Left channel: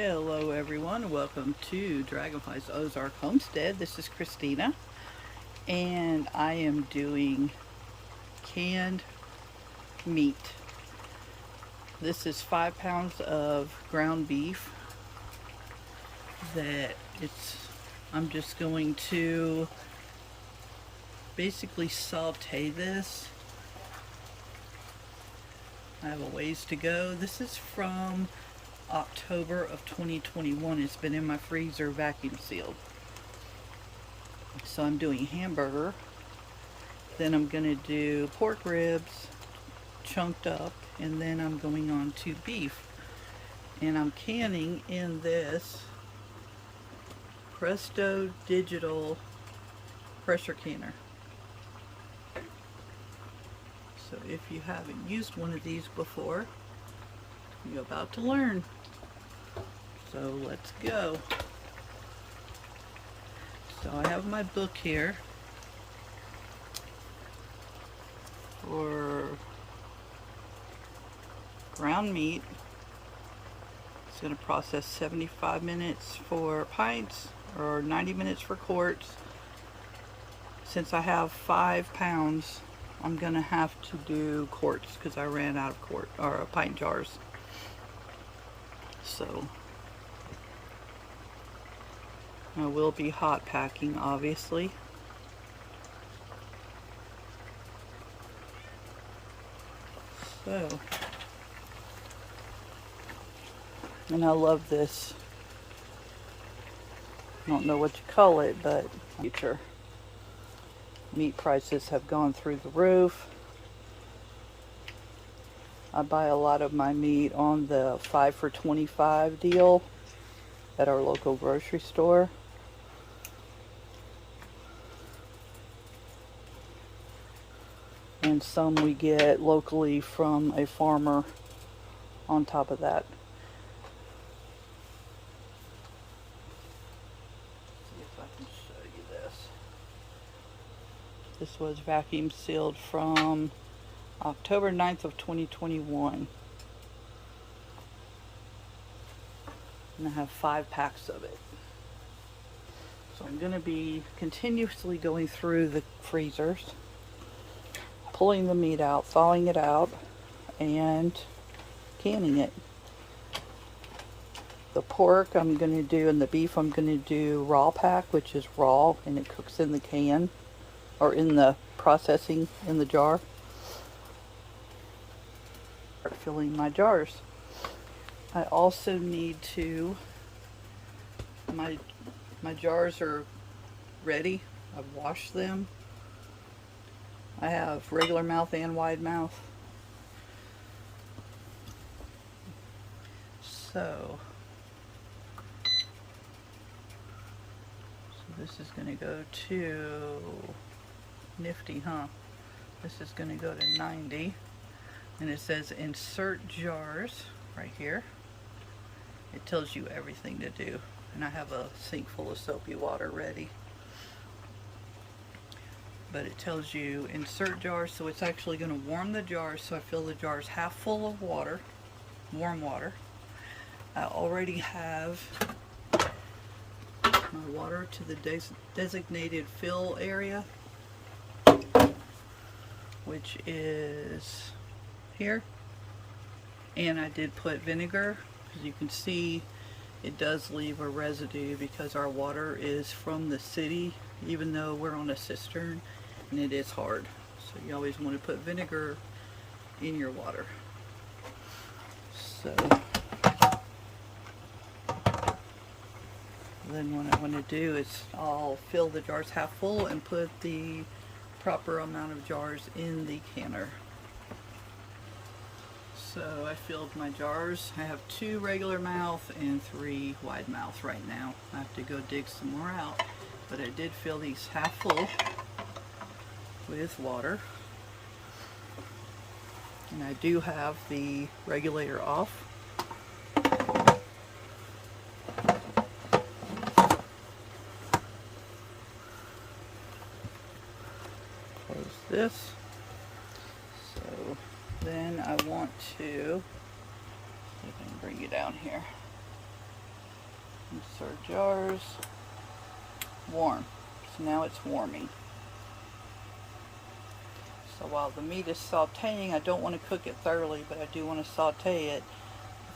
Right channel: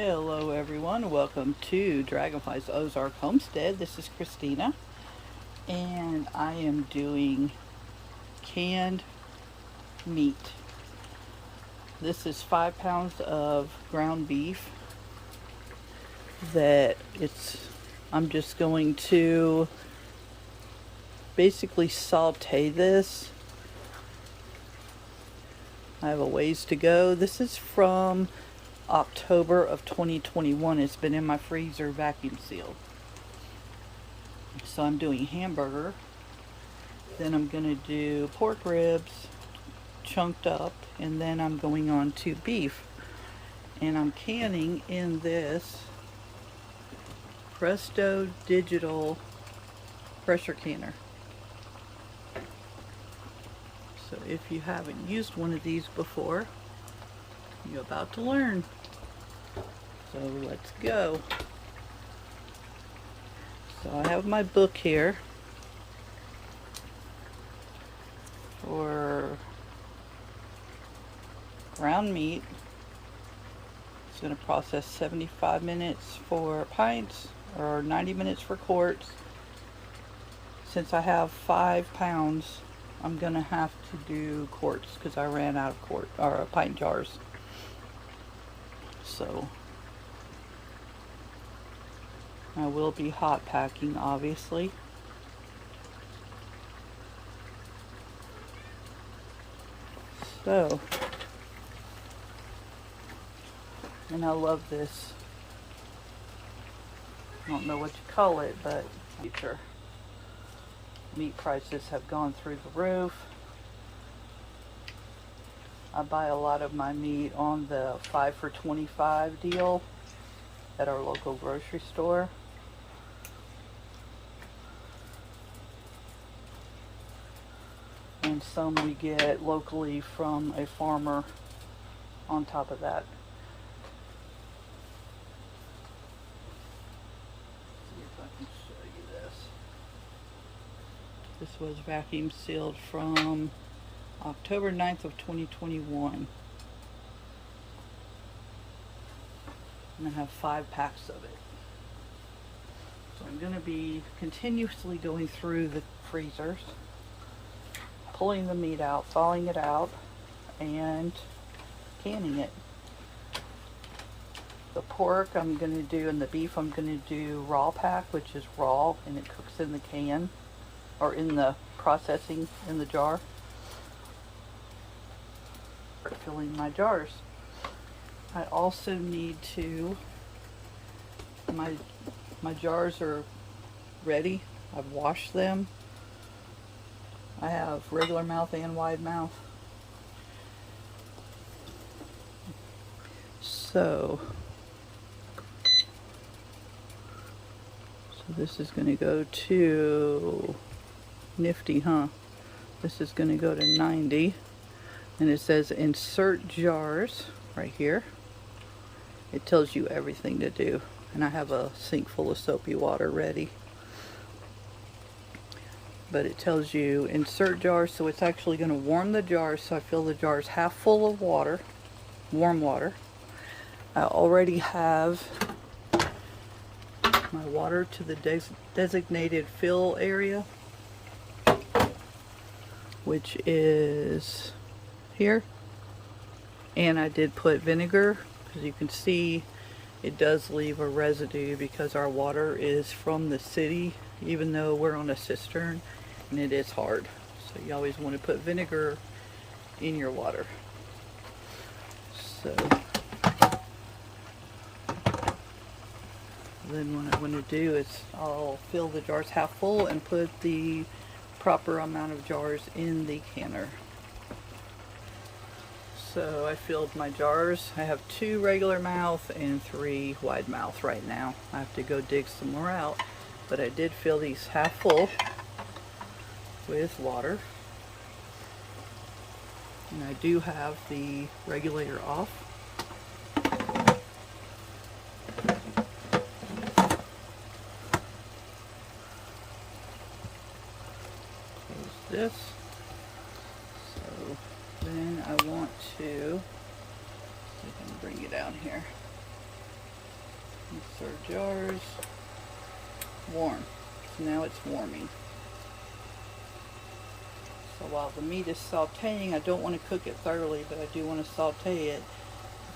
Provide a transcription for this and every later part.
Hello everyone, welcome to Dragonflyz Ozark Homestead. This is Christina and I am doing canned meat. This is 5 pounds of ground beef that I'm just going to basically saute this. I have a ways to go. This is from October of 2021. It's been in my freezer vacuum sealed. So I'm doing hamburger, then I'm gonna do pork ribs chunked up, and then I'm going on to beef, and I'm canning in this Presto digital pressure canner. So if you haven't used one of these before, you're about to learn. So let's go. So I have my book here for ground meat. It's going to process 75 minutes for pints or 90 minutes for quarts. Since I have 5 pounds, I'm going to have to do quarts because I ran out of pint jars. So I will be hot packing, obviously. So, and I love this. I don't know what you call it, but future meat prices have gone through the roof. I buy a lot of my meat on the 5 for $25 deal at our local grocery store. And some we get locally from a farmer on top of that. See if I can show you this. This was vacuum sealed from October 9th of 2021. And I have 5 packs of it. So I'm going to be continuously going through the freezers, pulling the meat out, thawing it out, and canning it. The pork I'm going to do, and the beef I'm going to do raw pack, which is raw and it cooks in the can or in the processing in the jar. Start filling my jars. I also need to, my jars are ready. I've washed them. I have regular mouth and wide mouth. So this is going to go to nifty, huh? This is going to go to 90, and it says insert jars right here. It tells you everything to do, and I have a sink full of soapy water ready. But it tells you insert jars, so it's actually going to warm the jars. So I fill the jars half full of water, warm water. I already have my water to the designated fill area, which is here. And I did put vinegar. As you can see, it does leave a residue because our water is from the city, even though we're on a cistern, and it is hard. So you always want to put vinegar in your water. So then what I want to do is I'll fill the jars half full and put the proper amount of jars in the canner. So I filled my jars. I have 2 regular mouth and 3 wide mouth right now. I have to go dig some more out, but I did fill these half full with water. And I do have the regulator off. Close this. So then I want to, see if I can bring you down here. These are jars. Warm. So now it's warming. So while the meat is sauteing, I don't want to cook it thoroughly, but I do want to saute it.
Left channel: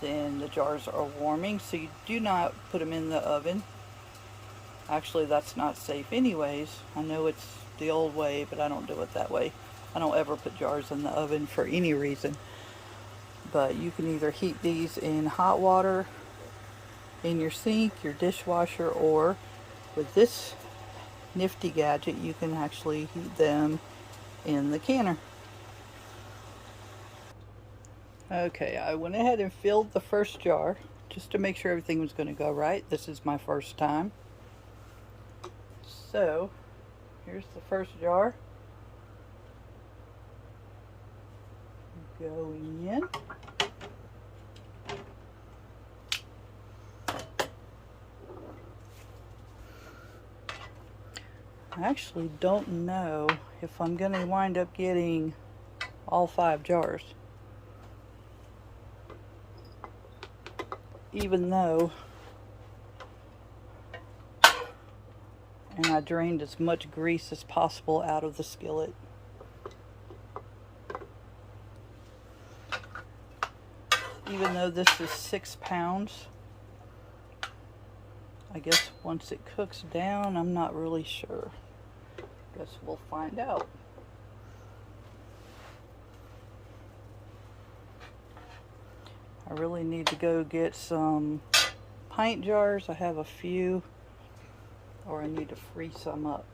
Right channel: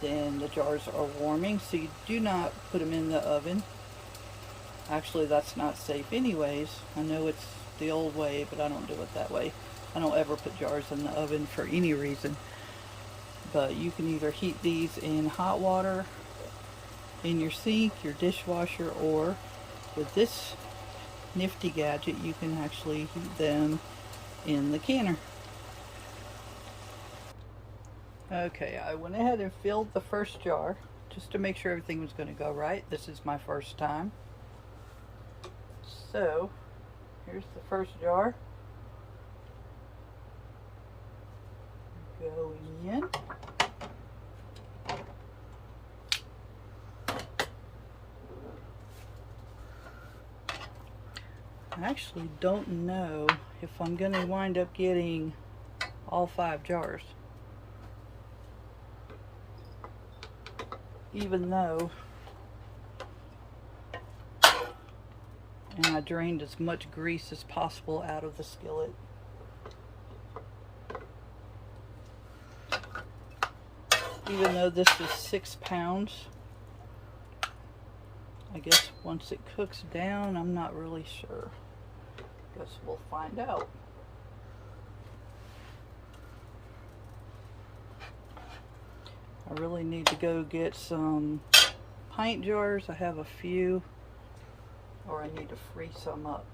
Then the jars are warming, so you do not put them in the oven. Actually, that's not safe anyways. I know it's the old way, but I don't do it that way. I don't ever put jars in the oven for any reason. But you can either heat these in hot water in your sink, your dishwasher, or with this nifty gadget, you can actually heat them in the canner. Okay, I went ahead and filled the first jar just to make sure everything was going to go right. This is my first time. So, here's the first jar. Going in. I actually don't know if I'm going to wind up getting all 5 jars. Even though, and I drained as much grease as possible out of the skillet. Even though this is 6 pounds, I guess once it cooks down, I'm not really sure. Guess we'll find out. I really need to go get some pint jars. I have a few, or I need to freeze some up.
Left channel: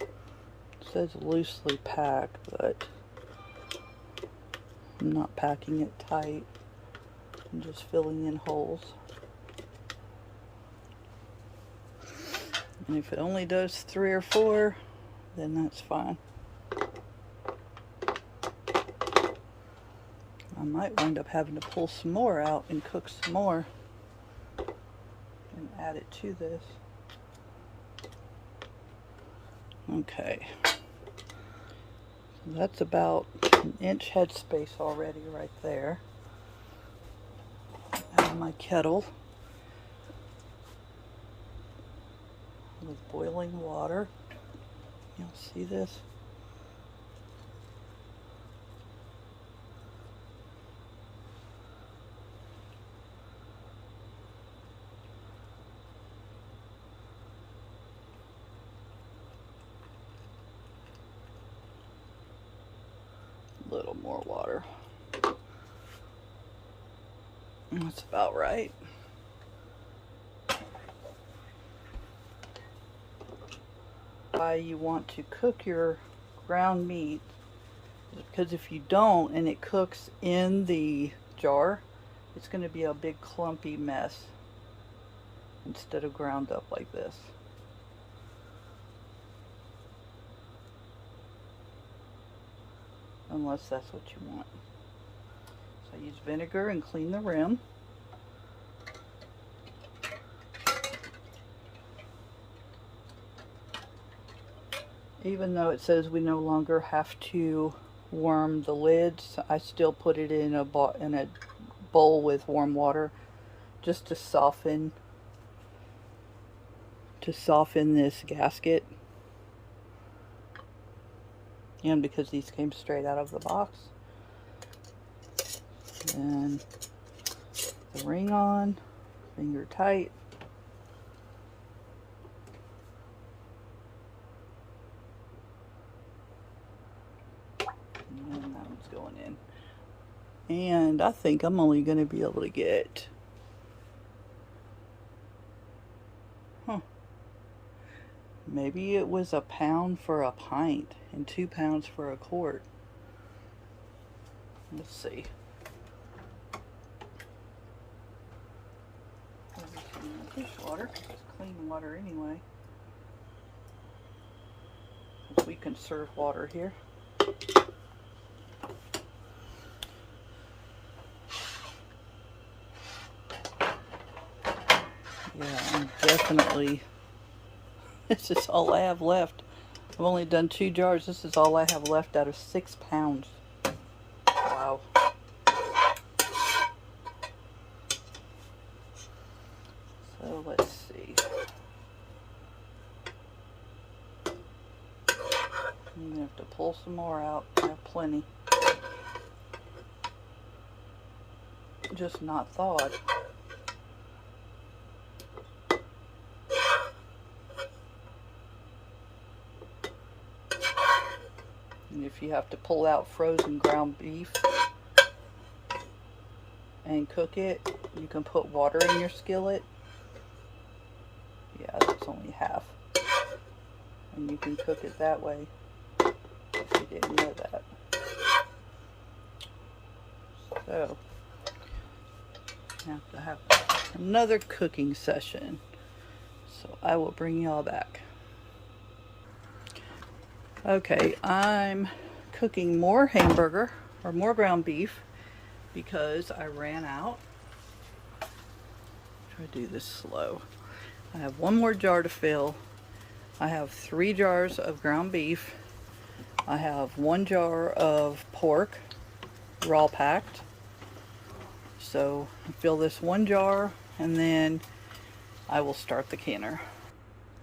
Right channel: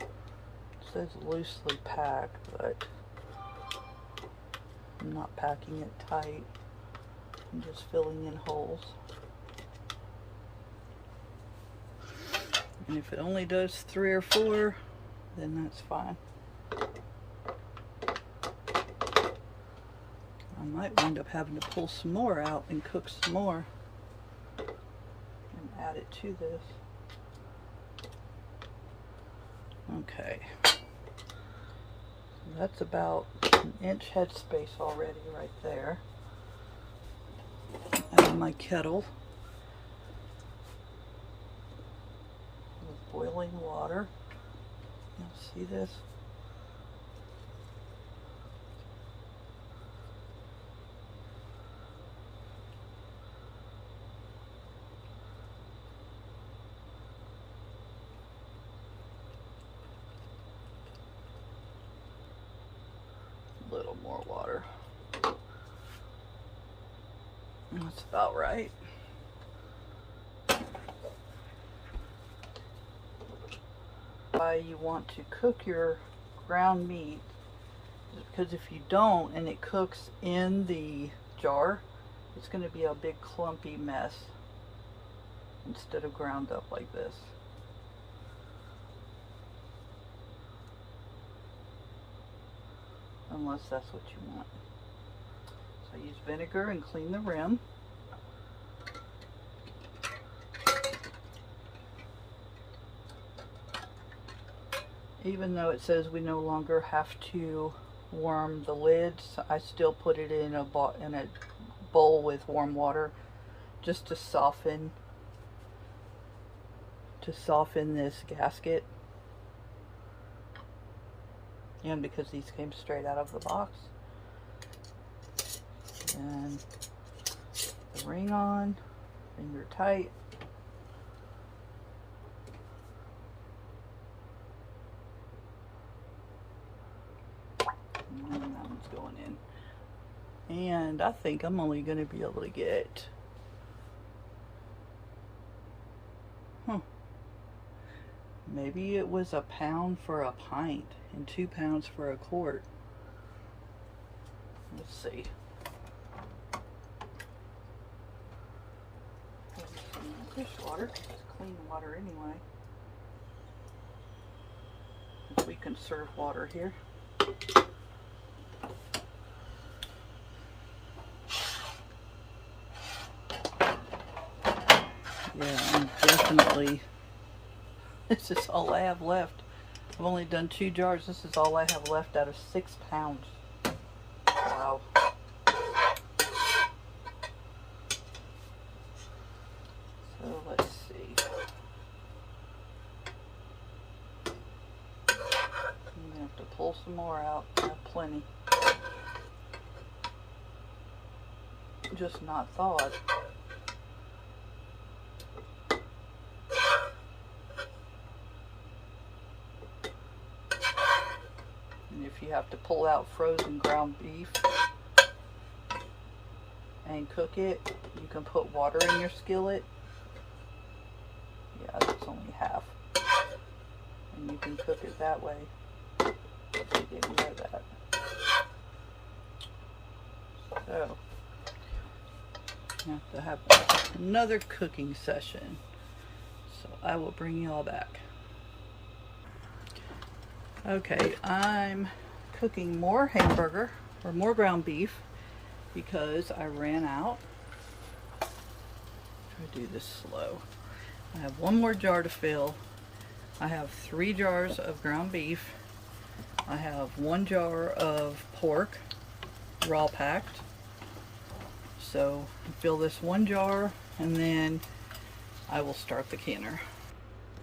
It says loosely packed, but I'm not packing it tight. I'm just filling in holes. And if it only does 3 or 4, then that's fine. I might wind up having to pull some more out and cook some more and add it to this. Okay. That's about an inch headspace already right there. Add my kettle with boiling water. You'll see this. A little more water. That's about right. Why you want to cook your ground meat is because if you don't and it cooks in the jar, it's going to be a big clumpy mess instead of ground up like this. Unless that's what you want. So I use vinegar and clean the rim. Even though it says we no longer have to warm the lids, I still put it in a bowl with warm water just to soften this gasket. And because these came straight out of the box. And the ring on, finger tight. And that one's going in. And I think I'm only going to be able to get, maybe it was £1 pound for a pint and 2 pounds for a quart. Let's see. Dishwater, it's clean water anyway. We conserve water here. Yeah, I'm definitely. This is all I have left. I've only done 2 jars. This is all I have left out of 6 pounds. Wow. some more out. I have plenty. Just not thawed. And if you have to pull out frozen ground beef and cook it, you can put water in your skillet. Yeah, that's only half. And you can cook it that way if you didn't know that. So, you have to have another cooking session. So I will bring y'all back. Okay, I'm cooking more hamburger or more ground beef because I ran out. I'll do this slow. I have one more jar to fill. I have 3 jars of ground beef. I have 1 jar of pork, raw packed. So I fill this 1 jar and then I will start the canner.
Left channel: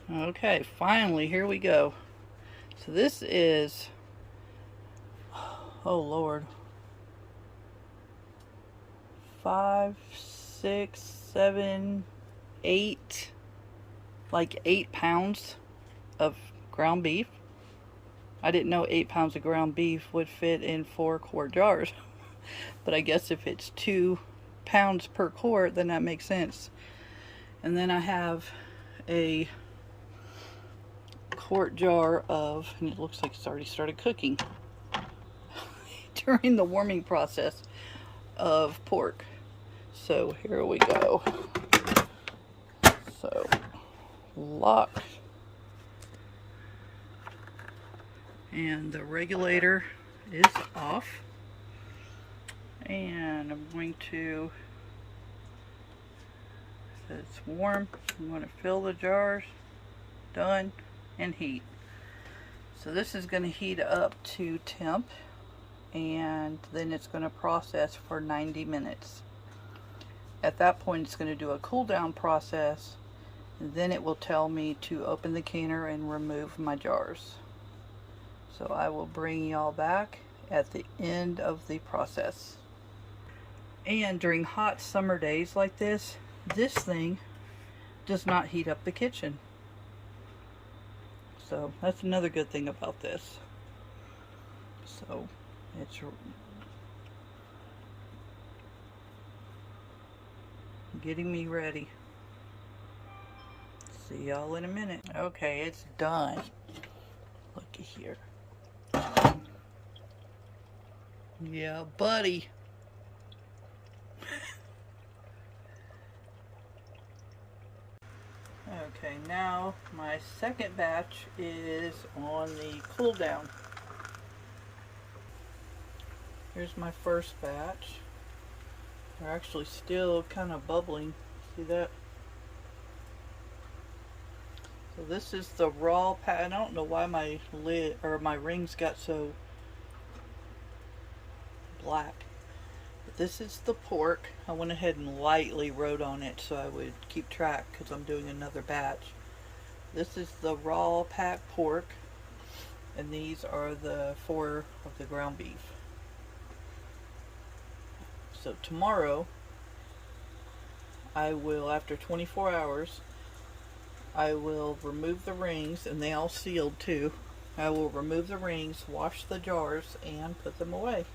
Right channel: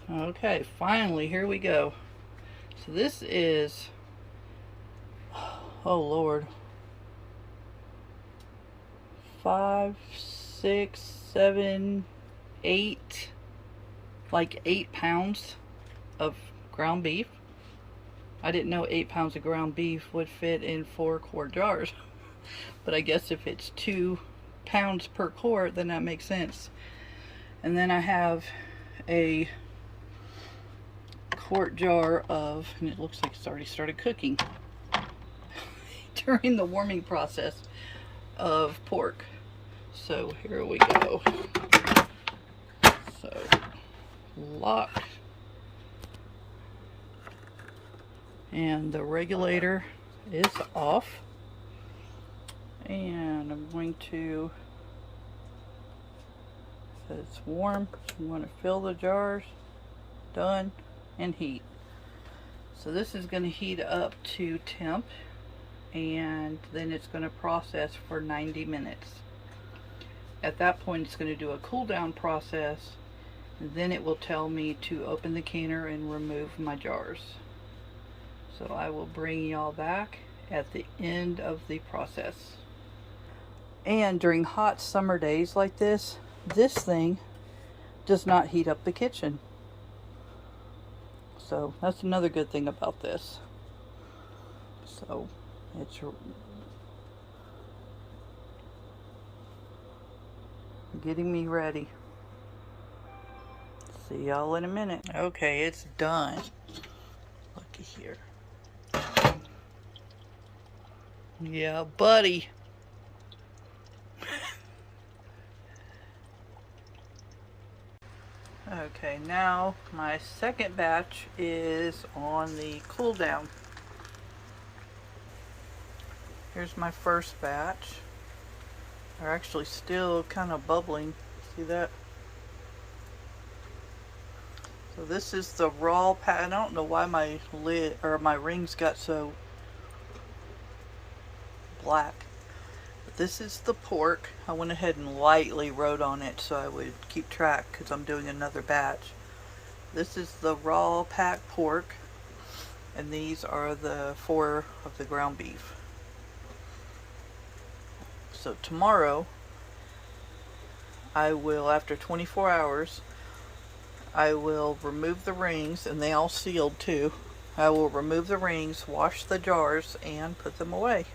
Okay, finally, here we go. So this is, oh Lord, 5, 6, 7, 8, like 8 pounds of ground beef. I didn't know 8 pounds of ground beef would fit in 4 quart jars. But I guess if it's 2 pounds per quart, then that makes sense. And then I have a quart jar of, and it looks like it's already started cooking during the warming process, of pork. So here we go. So lock, and the regulator is off, and I'm going to, it's warm, I'm going to fill the jars, done, and heat. So this is going to heat up to temp, and then it's going to process for 90 minutes. At that point it's going to do a cool down process, and then it will tell me to open the canner and remove my jars. So I will bring y'all back at the end of the process. And during hot summer days like this, this thing does not heat up the kitchen. So that's another good thing about this. So it's getting me ready. See y'all in a minute. Okay, it's done. Looky here. Yeah, buddy. Okay, now my second batch is on the cool down. Here's my first batch. They're actually still kind of bubbling. See that? So this is the raw pat. I don't know why my lid or my rings got so black. But this is the pork. I went ahead and lightly wrote on it so I would keep track because I'm doing another batch. This is the raw packed pork, and these are the 4 of the ground beef. So tomorrow I will, after 24 hours, I will remove the rings, and they all sealed too. I will remove the rings, wash the jars, and put them away.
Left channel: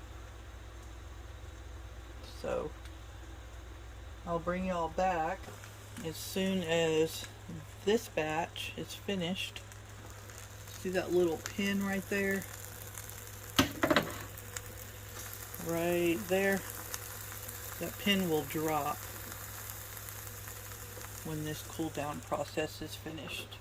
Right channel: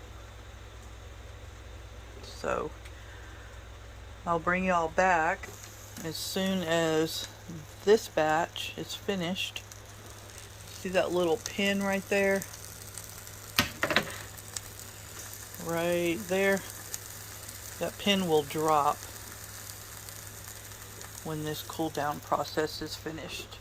So I'll bring y'all back as soon as this batch is finished. See that little pin right there? Right there. That pin will drop when this cool down process is finished.